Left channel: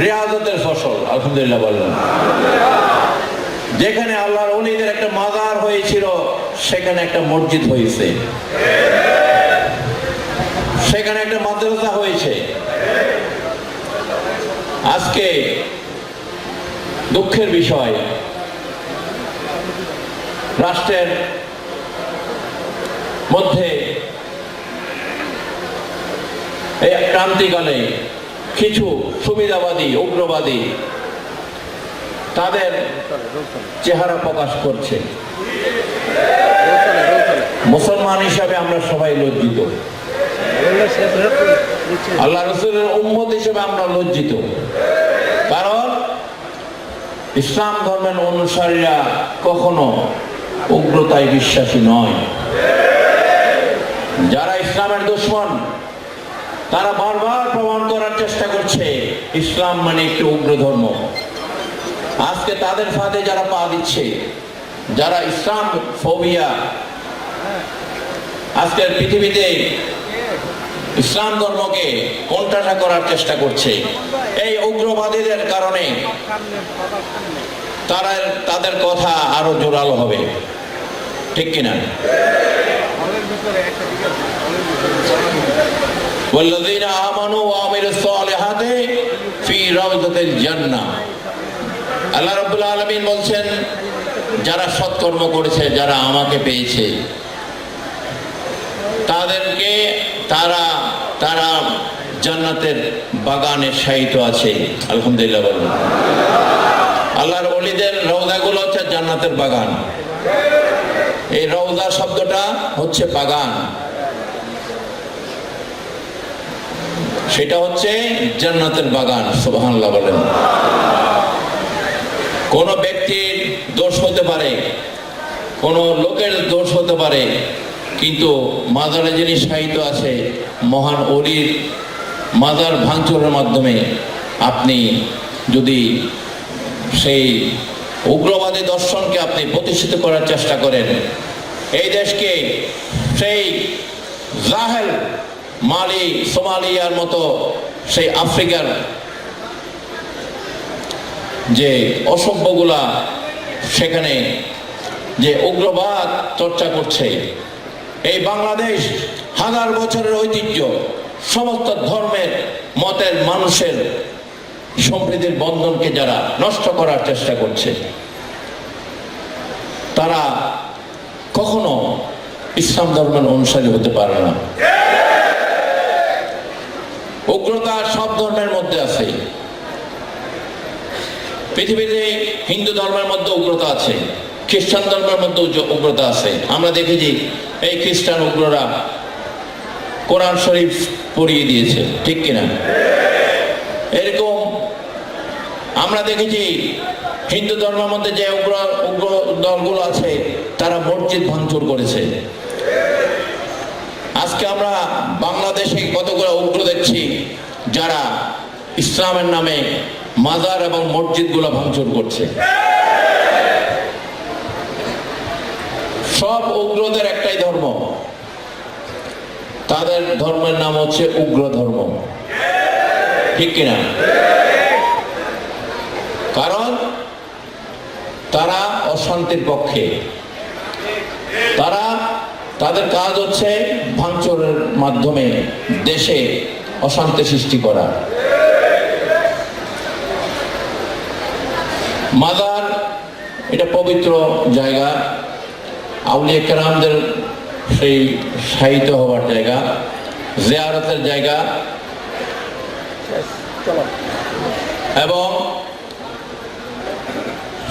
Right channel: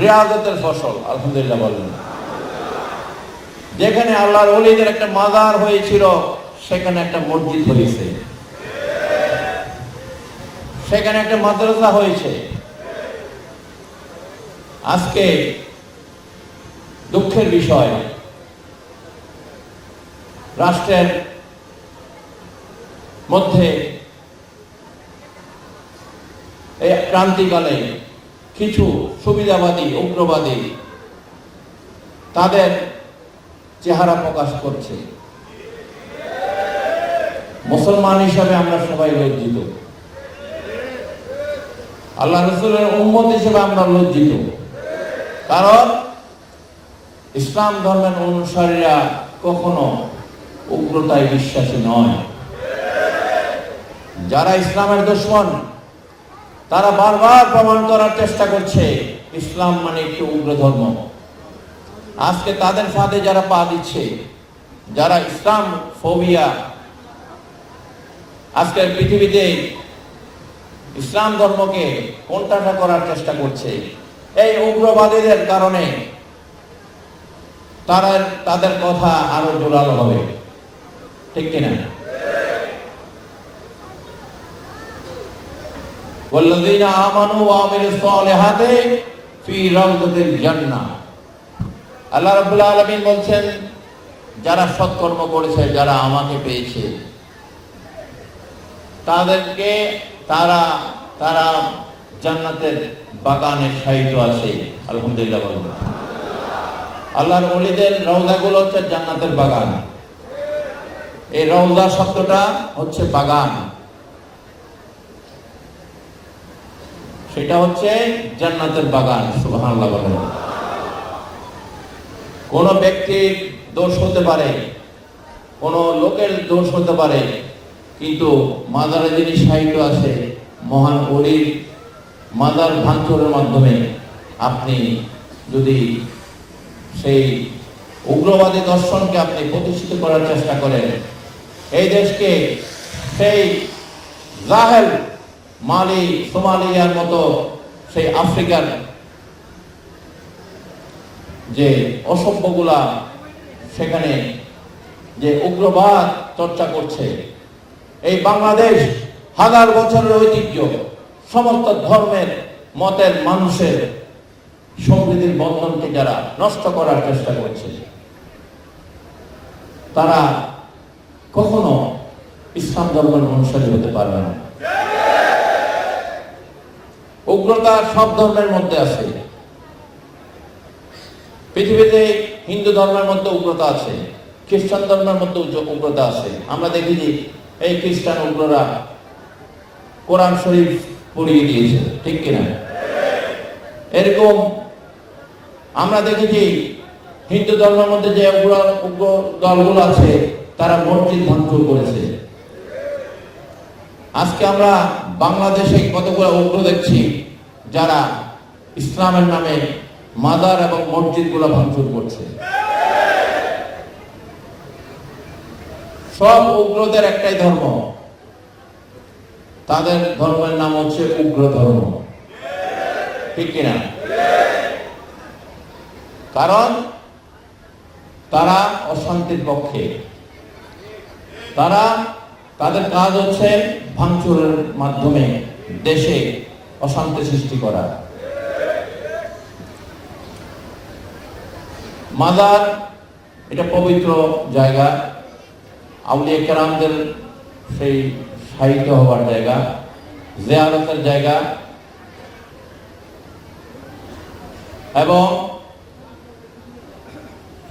রেয়াজতের ফসল, আলহামদুলিল্লাহ বললেন যেখানে আল্লাহর অলিদের একটা মাজার হয়েছিল, সেখানে একটা মসজিদ হয়েছে। সেখানে একটা মাদ্রাসা হয়েছে। আজকে দুঃখের বিষয়, রাষ্ট্রের মধ্যে এই ক্রান্তিকালে কিছু সুবিধাবাদী, উগ্রবাদী তাদের চেহারা প্রকাশ করছে। মুসলমান হিসাবে আমরা সবাই লজ্জিত। আল্লাহ রসুলের উম্মত হিসেবে আমরা লজ্জিত। কারণ ইসলাম ধর্মের অনুসারীরা কখনো উগ্রতায় বিশ্বাসী নয়। যারা ইসলামের দুশ্মন তারা বারবার প্রমাণ করার চেষ্টা করছে, ইসলাম মানে একটি উগ্র ধর্ম। আজকে তাদের ফাঁদে যারা পা দিচ্ছে, যারা ইসলাম ফোবিয়া, আজকের পৃথিবীতে ইসলাম ধর্মকে কোনটাটা করার চেষ্টা করছে। এই উগ্রবাদীদের কারণে তারা তাদের কথা আরও জোরালো হবে। ঠিক কিনা? والذين آمنوا وعملوا الصالحات في روضة الجنة আল্লাহ রাব্বুল আলামিন বলছেন যারা সৎকর্ম করেছে যারা আমাকে পেয়েছে তাদেরকে তারা তারা জান্নাতের বাগানে শায়িত আছে আলহামদুলিল্লাহ বলুন আল্লাহর ওলিদের রৌদাগুলো হচ্ছে জান্নাতের বাগান এই রৌদা শব্দটা হচ্ছে বাগান সেটা হচ্ছে জান্নাতের বাগান, সুবহানাল্লাহ বলেন। কোন ব্যক্তির দোষ হতে পারে, কোন লোকের দোষ হতে পারে, কিন্তু মাদারে যিনি সাহিত্য আছে, মহান অলির মাদার ভাঙচুরের মাধ্যমে আপনি যদি সেই উগ্রবাদী দর্শনকে আপনি প্রতিষ্ঠিত করার চেষ্টা করেন, এই দেশকে সেই জাহেল মালি, সোমালিয়ার মতো সেই আফ্রিকার যে অসভ্যগুলা সেখানে যে উগ্রবাদ চর্চা করছে, এই বাংলাদেশ হাজার বছরের ঐতিহ্য, সমস্ত ধর্মের, মতের, মানুষের সমৃদ্ধির বন্ধনকে যারা নষ্ট করার চেষ্টা করছে, তারা কখনো ইসলাম ধর্মের অনুসারী হতে পারবে না। উগ্রতা সব ধর্মের মধ্যে আছে। পৃথিবীতে হিন্দু ধর্মের মধ্যে উগ্রতা আছে, খ্রিস্টান ধর্মের মধ্যে উগ্রতা আছে। আমরা দেখেছি এই খ্রিস্টান উগ্ররা কোরআন শরীফ পড়িয়ে দিয়েছে, ঠিক কিনা? এরকম আমরা দেখেছি হিন্দু ধর্মের মধ্যে যে উগ্র উগ্র দলগুলো আছে, তারা মসজিদ ভাঙচুর করেছে। আজকে আমরা বাংলাদেশে কতগুলো উগ্র দেখছি, যারা ইসলামের নামে মাজার এবং মসজিদগুলো ভাঙচুর করছে। সব উগ্রদের একটাই ধর্ম। তাদের ধর্মের নাম হচ্ছে উগ্র ধর্ম। ঠিক কিনা? কারণ তারা অশান্তির পক্ষে। তারা তাদের কাজ হচ্ছে ভাঙচুরের মাধ্যমে দেশে অশান্তি সৃষ্টি করা। মাজার এটা পবিত্র জায়গা। আউলিয়া কেরামদের সেই সাহিত্য হওয়ার জায়গা, জিয়ারতের জায়গা। এবং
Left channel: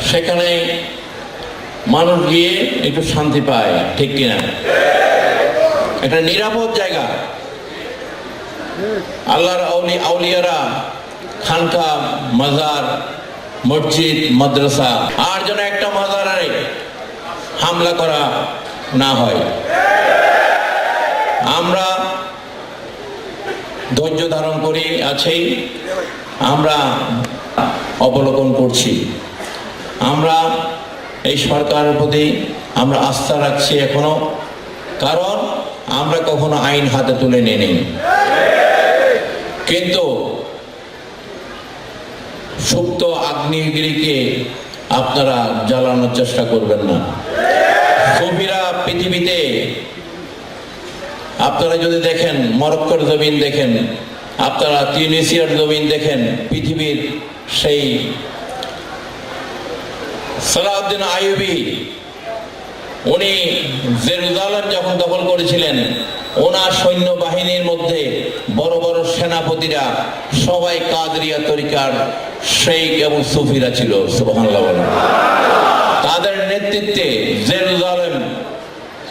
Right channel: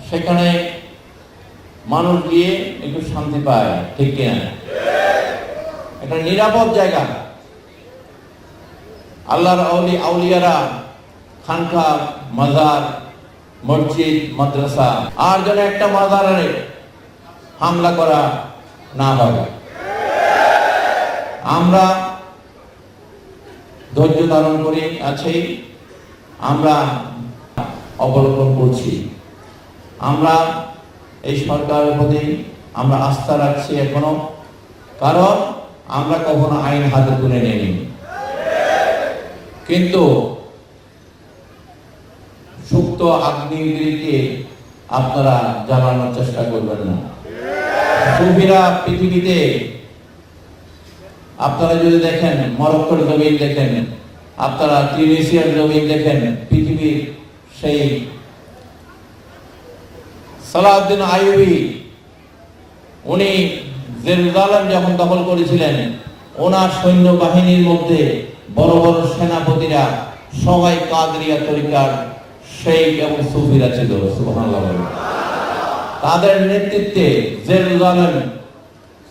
সেখানে মানুষ গিয়ে একটু শান্তি পায়, ঠিক কিনা? একটা নিরাপদ জায়গা। আল্লাহর আউলি আউলিয়ারা খানকা, মাজার, মসজিদ, মাদ্রাসা, আর যেন একটা মাজারে হামলা করা না হয়। আমরা ধৈর্য ধারণ করে, আছি। আমরা অবলোকন করছি। আমরা এই সরকারের প্রতি আমরা আস্থা রাখছি এখনও। কারণ আমরা কখনো আইন হাতে তুলে নিই কিন্তু সুপ্ত আগ্নেয়গিরিকে আপনারা জ্বালানোর চেষ্টা করবেন না। সুফিরা পৃথিবীতে, আপনারা যদি দেখেন, মরক্কোর জমিন দেখেন, আপনারা তিউনিসিয়ার জমিন দেখেন, পৃথিবীর সেই সালাউদ্দিন আইবি উনি জেরুজালেম যখন দখল করেছিলেন, ওনার সৈন্যবাহিনীর মধ্যে বড় বড় সেনাপতিরা, সবাই কাদরিয়া তরিকার শেখ এবং সুফিরা ছিল। তাদের নেতৃত্বে জেরুজালেম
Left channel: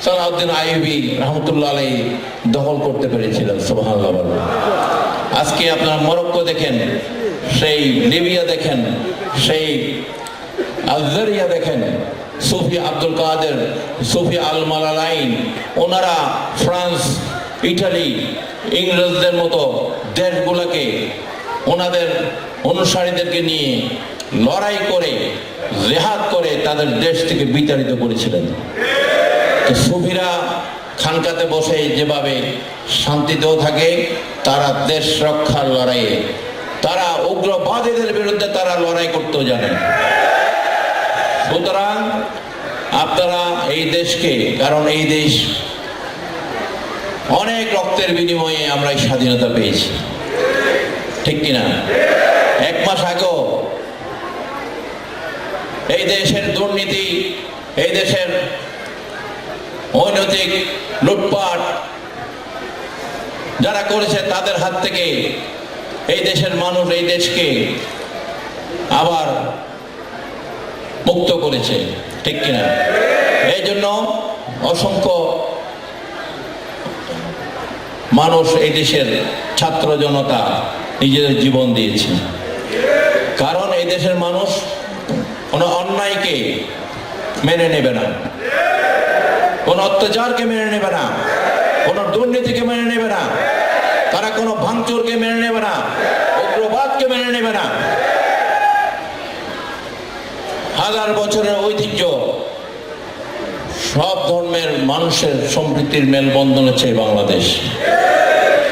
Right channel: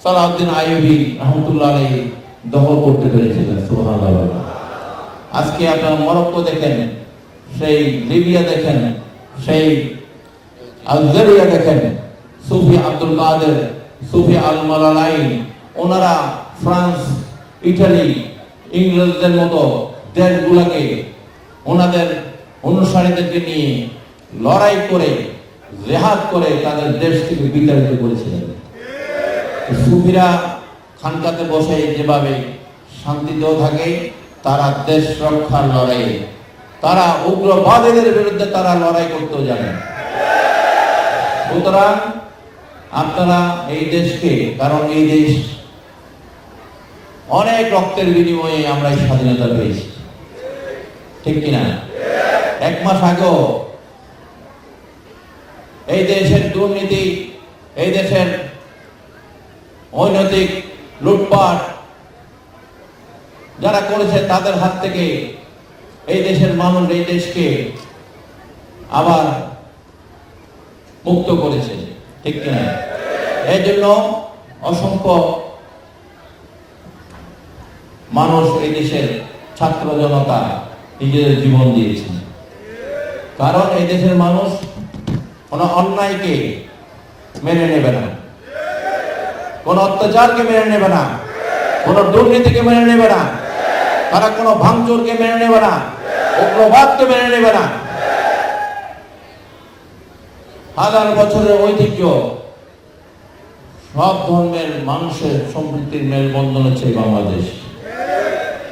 সালাউদ্দিন আইবি রহমতুল্লাহ আলাই দখল করতে পেরেছিলেন বলেন। আজকে আপনারা মরক্কো দেখেন, সেই লিবিয়া দেখেন, সেই আলজেরিয়া দেখেন, সুফি আব্দুল কাদের সুফি আল মালালাইন ওনারা ফ্রান্স, ইটালি, ইংরেজদের মতো দেশগুলোকে ওনাদের অনুসারীদেরকে নিয়ে লড়াই করে, জেহাদ করে তাদের দেশ থেকে বিতাড়িত করেছিলেন। তো সুফিরা খানকাতে বসে যেভাবে শান্তিতেও থাকে, তারা দেশ রক্ষার লড়াইয়ে, তারা উগ্রবাদীদের বিরুদ্ধে তারা লড়াই করতেও জানে। সুতরাং আপনারা এই দেশকে, কারণ এই দেশ অনেক রক্তের বিনিময়ে আমরা স্বাধীনতা পেয়েছি। ঠিক কিনা? এক মাস আগেও এই দেশের দুর্নীতি, এই দেশের অনৈতিক লুটপাট যারা করেছে তাদের হাত থেকে এই দেশের মানুষ এই দেশকে আবার মুক্ত করেছে। ঠিক কিনা? এই জন্য অসংখ্য মানুষ এই দেশের ছাত্র জনতা নিজেদের জীবন দিয়েছে। কারণ এই দেশের মানুষ কোনো অন্যায়কে মেনে নেবে না। কোন অত্যাচারকে মেনে নেবে না। কোন দুর্নীতিকে মেনে নেবে না। তারা কোনো ভাঙচুরকে মেনে নেবে না। উগ্রবাদকে মেনে নেবে না। হাজার বছরের ঐতিহ্য, সব ধর্মের মানুষের সম্প্রীতির মেলবন্ধন হচ্ছে বাংলাদেশ।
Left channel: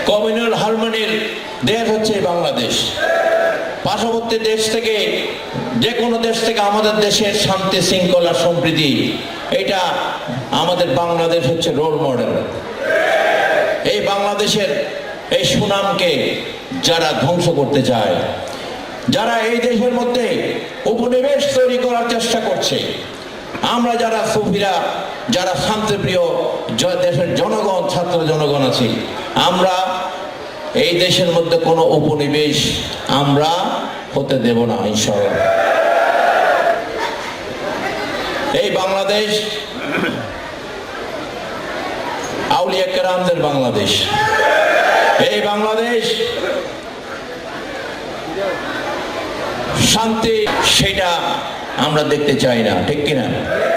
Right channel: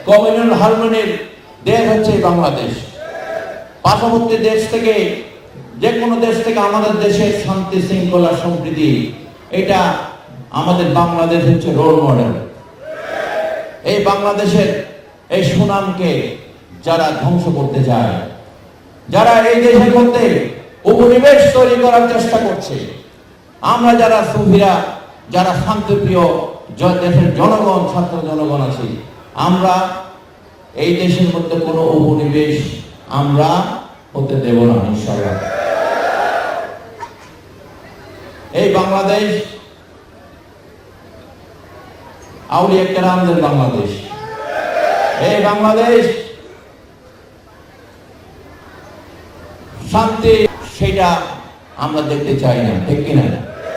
কমিউনাল হারমোনির দেশ হচ্ছে বাংলাদেশ। পার্শ্ববর্তী দেশ থেকে যে কোনো দেশ থেকে আমাদের দেশের শান্তি, শৃঙ্খলা, সম্প্রীতি, এটা আমাদের বাংলাদেশ হচ্ছে রোল মডেল এই বাংলাদেশের এই সুনামকে যারা ধ্বংস করতে চায়, যারা এই দেশের মধ্যে উপনিবেশ তৈরি করার চেষ্টা করছে। আমরা যারা সুফিরা, যারা শান্তিপ্রিয় দেশের জনগণ, ছাত্র জনগণ আছি, আমরা এই দেশের মধ্যে কোনো উপনিবেশ আমরা হতে দেব না, ইনশাআল্লাহ। এই বাংলাদেশ আউলিয়া কেরামদের বাংলাদেশ। এই বাংলাদেশ শান্তি সেটা আমরা দেখতে চাই না ঠিক কিনা?